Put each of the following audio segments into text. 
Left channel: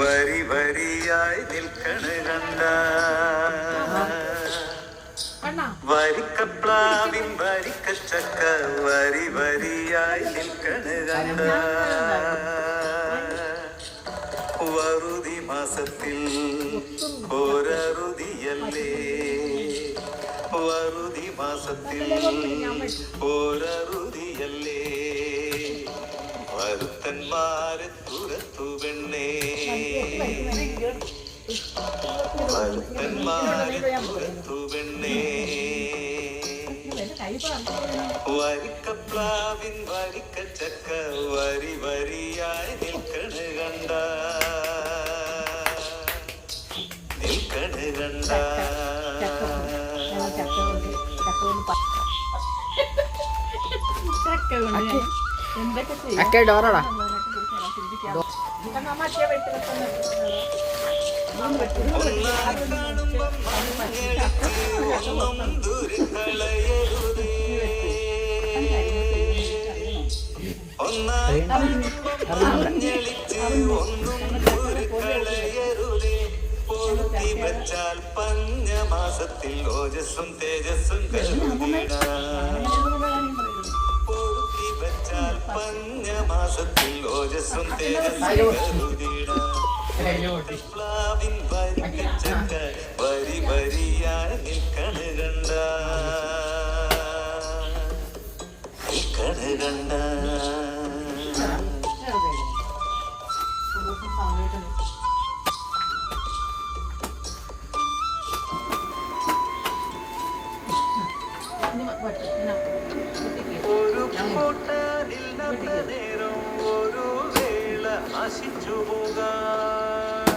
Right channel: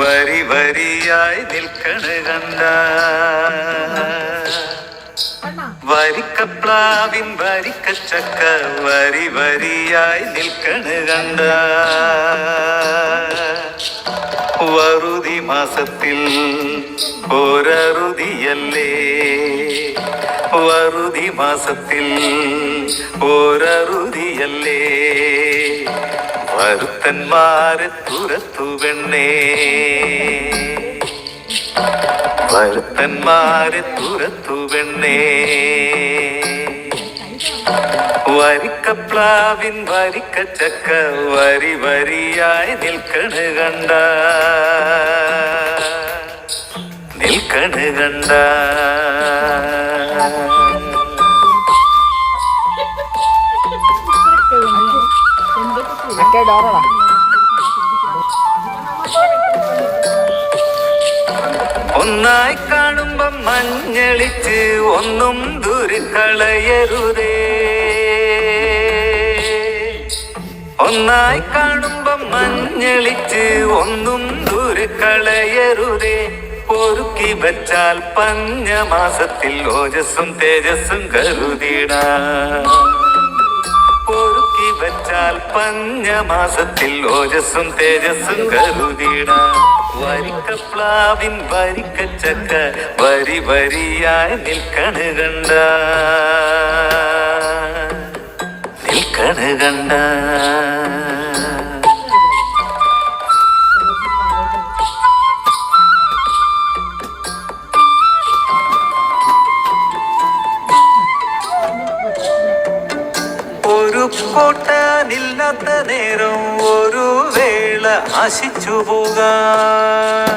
വരി വരിയായി നിൽക്കണ കണ്ട വരിക്കപ്ലാവിൻ വരിക്കച്ചക്ക വരി വരിയായി നിൽക്കണ കണ്ട വറുതി മാസത്തിൽ ഒരറുതിയല്ലേ വറുതി മാസത്തിൽ ഒരറുതിയല്ലേ വരുത്തന്മാരെ തുരത്തു പെണ്ണേ വരുത്തന്മാരെ തുരത്തു പെണ്ണേ വരിക്കപ്ലാവിൻ വരിക്കച്ചക്ക വരി വരിയായി നിൽക്കണ കണ്ട നിൽക്കണ കണ്ട ഒന്നായി കാണുമ്പം മഞ്ഞളിച്ച് ഒന്നും ദുരിക്കളയരുതേ ഒന്നായി കാണുമ്പം മഞ്ഞളിച്ച് ഒന്നും ദുരിക്കളയരുതേ പൊറുക്കി വെച്ചാൽ പഞ്ഞമാസത്തിൽ ഓജസ്സും തേജസ്സും കരുതിടാം പൊറുക്കി വെച്ചാൽ പഞ്ഞമാസത്തിൽ ഓജസ്സും തേജസ്സും കരുതിടാം വരിക്കപ്ലാവിൻ വരിക്കച്ചക്ക വരി വരിയായി നിൽക്കണ കണ്ട നിൽക്കണ കണ്ട ഒരു കോട്ടാനില്ലാത്ത നേരം ഒരു വേള ആശിച്ചു പോകാം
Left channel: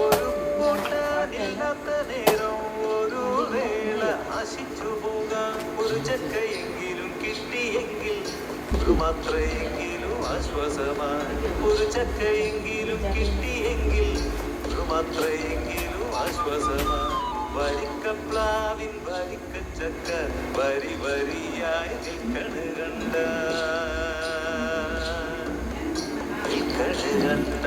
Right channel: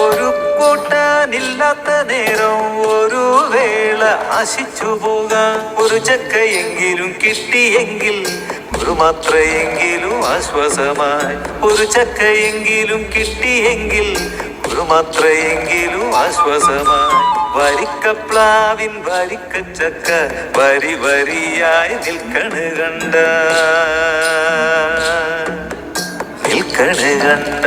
ഒരു കൂട്ടാനില്ലാത്ത നേരം ഒരു വേള ആശിച്ചു പോകാം ഒരു ചക്കയെങ്കിലും കിട്ടിയെങ്കിൽ ഒരു മാത്രയെങ്കിലും ആശ്വാസമായി ഒരു ചക്കയെങ്കിലും കിട്ടിയെങ്കിൽ ഒരു മാത്രയെങ്കിലും ആശ്വാസമായി വരിക്കപ്ലാവിൻ വരിക്കച്ചക്ക വരി വരിയായി നിൽക്കണ കണ്ട നിൽക്കണ കണ്ട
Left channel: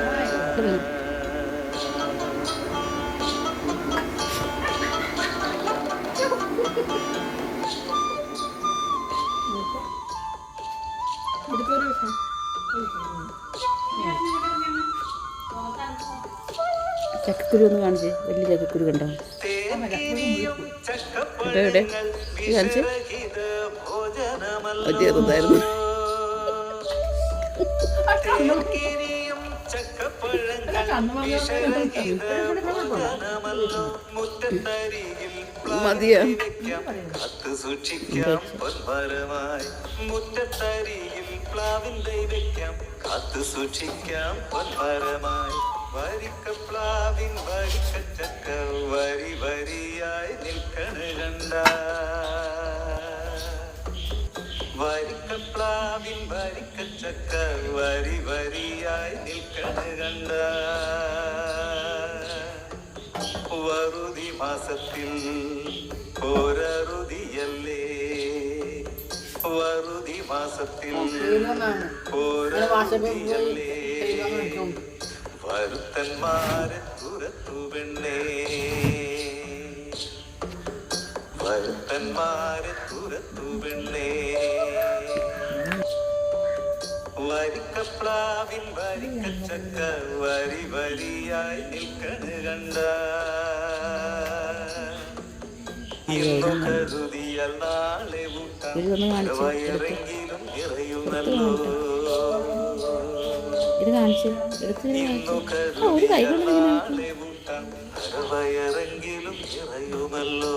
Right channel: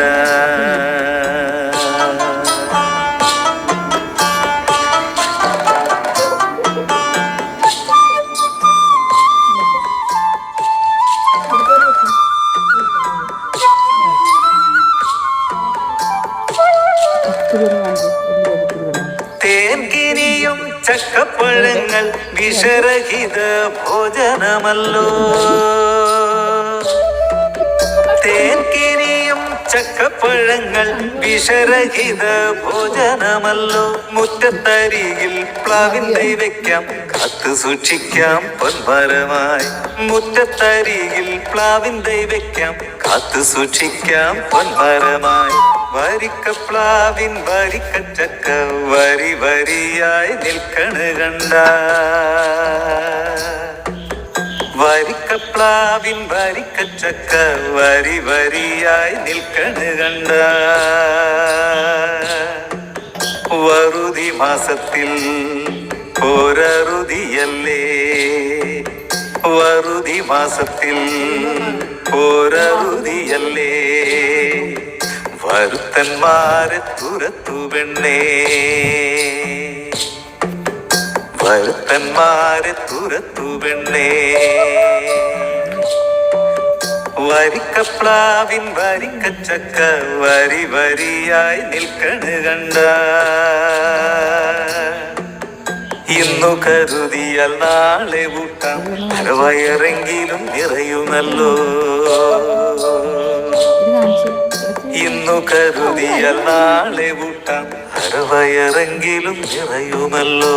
തേൻകിനിയും ചക്കപ്പഴങ്ങൾ വിഷരഹിത ഭോജനമല്ലോ തേൻകിനിയും ചക്കപ്പഴങ്ങൾ വിഷരഹിത ഭോജനമല്ലോ മുറ്റത്തരികിൽ പ്ലാവിൻ തൈ വെക്കാം കാത്തു സൂക്ഷിക്കാം പൊൻമരമായി മുറ്റത്തരികിൽ പ്ലാവിൻ തൈ വെക്കാം കാത്തു സൂക്ഷിക്കാം പൊൻമരമായി വരിക്കപ്ലാവിൻ വരിക്കച്ചക്ക വരി വരിയായി നിൽക്കണ കണ്ട വരിക്കപ്ലാവിൻ വരിക്കച്ചക്ക വരി വരിയായി നിൽക്കണ കണ്ട വറുതി മാസത്തിൽ ഒരറുതിയല്ലേ വറുതി മാസത്തിൽ ഒരറുതിയല്ലേ വരുത്തന്മാരെ തുരത്തു പെണ്ണേ വരുത്തന്മാരെ തുരത്തു പെണ്ണേ വരിക്കപ്ലാവിൻ വരിക്കച്ചക്ക വരി വരിയായി നിൽക്കണ കണ്ട ഇന്നു കരുതിയാൽ നാളെ ഊട്ടാം വയറെങ്കിലും നിറയുമല്ലോ ഇന്നു കരുതിയാൽ നാളെ ഊട്ടാം അരവയറെങ്കിലും നിറയുമല്ലോ